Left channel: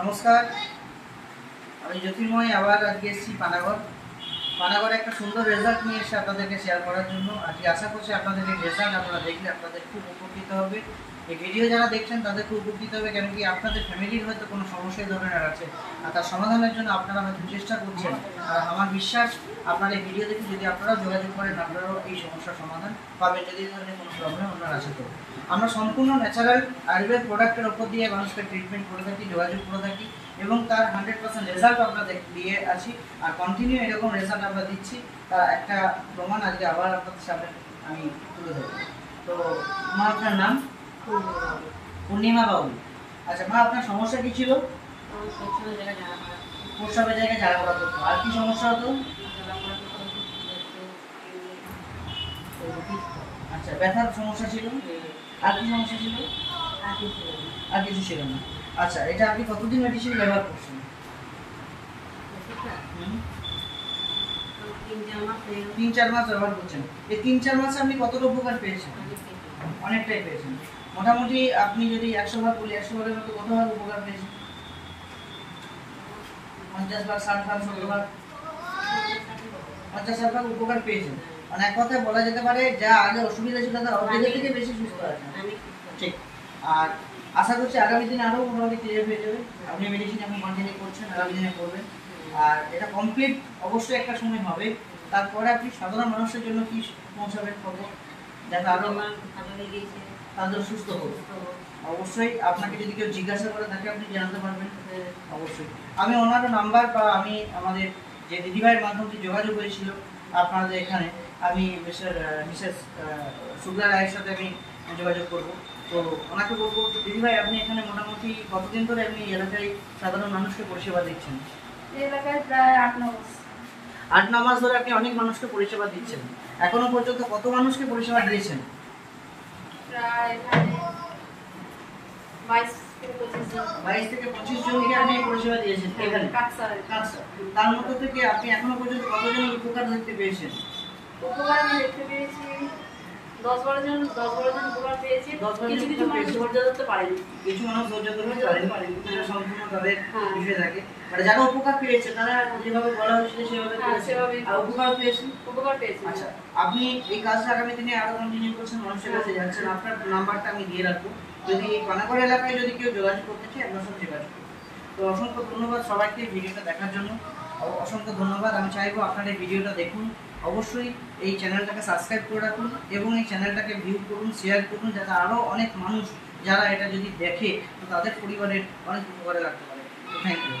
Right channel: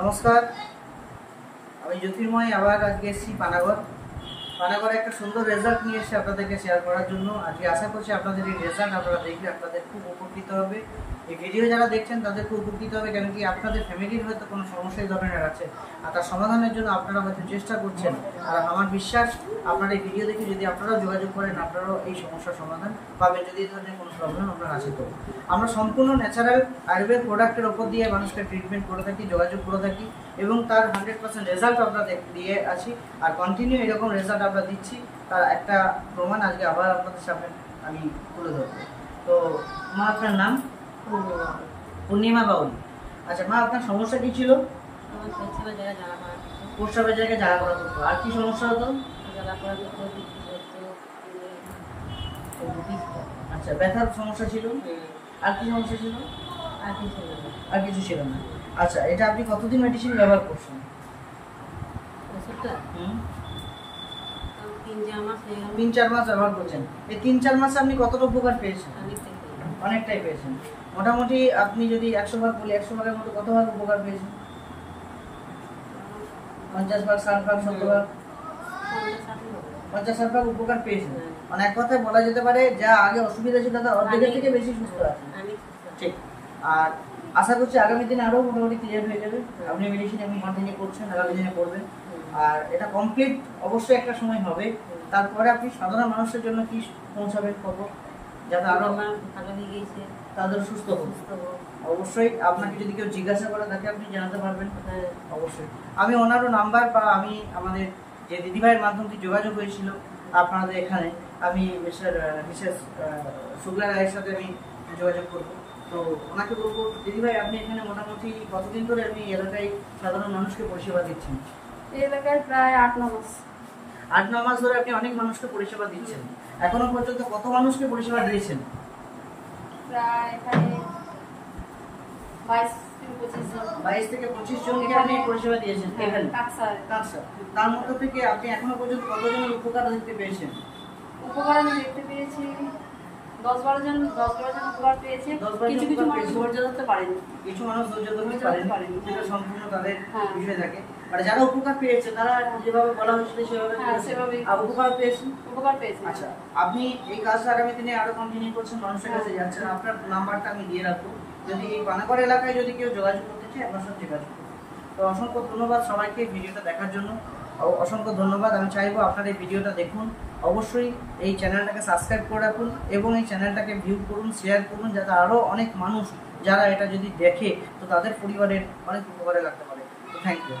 নমস্কার, আমি জ্যোতির্ময় আবার আজকে এসেছি পানাগড়ে একটা সুন্দর রেজাল্ট নিয়ে এসে আপনাদেরকে শেয়ার করার জন্য। আজকে আশা করছি আপনাদের এই রেজাল্ট আপনারা দেখলে আপনাদের খুব উপকৃত হবে। এই ভিডিও যারা দেখছেন তাদের খুব উপকৃত হবে, কেন কি আপনাদের ফ্যামিলির হয়তো কোনো সমস্যা এই ধরনের আছে আর তার সমাধানের জন্য আপনারা হয়তো চেষ্টা করছেন। আর আমার বিশ্বাস আপনার এই ভিডিও দেখে যদি আপনারাও যোগাযোগ করেন আপনারাও এই সমস্যার সমাধান পাবেন, যদি এই ধরনের কোনো প্রবলেম আপনার আছে। তো আমরা সম্পূর্ণ ন্যাচারাল আয়ুর্বেদ প্রোডাক্টের ওপর দিয়ে মানুষকে ট্রিটমেন্ট করে থাকি, যোগাযোগ করে থাকি এবং তার 100% রেজাল্ট আমরা দিয়ে আছি আর কন্টিনিউ এরকম রেজাল্ট আমরা দিচ্ছি। তার একটা প্রমাণ আজকে আবার আপনাদের সামনে আমি তুলে ধরব। তো মা, আপনার নাম? পূর্ণিমা বাউল। আচ্ছা মা, আপনার সমস্যা কি ছিল? প্রস্রাবের জায়গায় জ্বালা পোড়া করতো। আর কি সমস্যা হতো? আচ্ছা, ব্যথার সমস্যা ছিল। আর কি সমস্যা ছিল? আর কিছু ছিল না। আচ্ছা, এটা আপনি কতদিন মেডিসিন ব্যবহার করছেন? 3-4 মাস ব্যবহার করছেন। এই 3-4 মাসে আপনি কতটা উপকার পেয়েছেন? অনেকটাই পেয়েছেন। মোটামুটি আপনি যদি 100 ভাগ বলি, 100 ভাগের মতো কত ভাগ উপকার পেয়েছেন? 50 ভাগ, 60 ভাগ, 70 ভাগ? 50-60 ভাগ উপকার পেয়েছেন। মানে এক কথায় বলা যেতে পারে যা আগে অসুবিধা ছিল তার অর্ধেকের থেকে বেশি সুস্থ আছেন। ঠিক। আর আশা করছি আগামী দিনে আরও মোটামুটি ক্লিয়ার হয়ে যাবে। আপনি মেডিসিন এখন কন্টিনিউ করছেন, আগামী দিনে করবেন। আর এটা কমপ্লিট অবশ্যই একটা সময় হবে। তারপরে আপনি সাধারণ মানুষের জন্য কি পৌঁছাবেন খবর, যাতে আরও তাদের সুস্থ হোক। অবশ্যই আপনাকে যদি কেউ জিজ্ঞাসা করে তাকে আপনি জানাতে পারবেন। অবশ্যই আমি ওনারও নাম্বার বা আমি আমাদের যে দিদিভাইয়ের মাধ্যমে যোগাযোগ হয়েছিল আপনাদের এখানে, আমি মিসেস শুক্লা রায়ের সাথে আমি যোগাযোগ করব। তো ওনাকে বলবো, দিদিভাই আপনি এখানে মোটামুটি কতদিন ধরে আপনি এলাকায় সাধারণ মানুষকে পরিষেবা দিচ্ছেন? এই এলাকায় প্রায় 8-9 মাস। 8-9 মাস ধরে আপনি অনেক মানুষকে পরিষেবা দিচ্ছেন। এখনো পর্যন্ত কত মানুষকে পরিষেবা দিয়েছেন? প্রায় এখানে 22 থেকে 25 জনকে আপনি পরিষেবা দিয়েছেন এখানে। কাকসা। তার মধ্যে থেকে আপনি এখনো পর্যন্ত কতজনের উপকার দেখতে পেয়েছেন? উপকার আমি দেখতে পেয়েছি 10-12 জন উপকার পেয়েছি। কিছু মানুষ ধৈর্য ধরতে পারেনি। কিছু মানুষ ধৈর্য ধরতে পারেনি, এটা সম্পূর্ণ তাদের বিষয় থাকে। মানে যারা উপকার পেয়েছে তারা যেভাবে বলা হয়েছিল সেভাবে আর উপকার পেয়েছেন। আচ্ছা, আপনি এই কাজটা আগামী দিনে আরো কন্টিনিউ করছেন, মানুষের কাছে যাচ্ছেন। আপনার নাম্বারটা আমি দিয়ে রাখবো, যদি এই পানাগড় এলাকায় যদি কেউ যোগাযোগ করতে চায় আপনার সঙ্গে যোগাযোগ করুন। তো অসংখ্য ধন্যবাদ সবাইকে ভিডিওটা দেখার জন্য। অসংখ্য ধন্যবাদ। আমি চাইবো আপনারা এই ভিডিওটা দেখুন, অবশ্যই এই চ্যানেলটাকে সাবস্ক্রাইব করে রাখুন এবং এই চ্যানেলটাকে ভিউ করুন, শেয়ার করুন, যাতে আরও অনেক মানুষ যারা এটা যদি দেখে তো তাদের পরিবারের অনেক উপকারে লাগতে পারে। Thank you.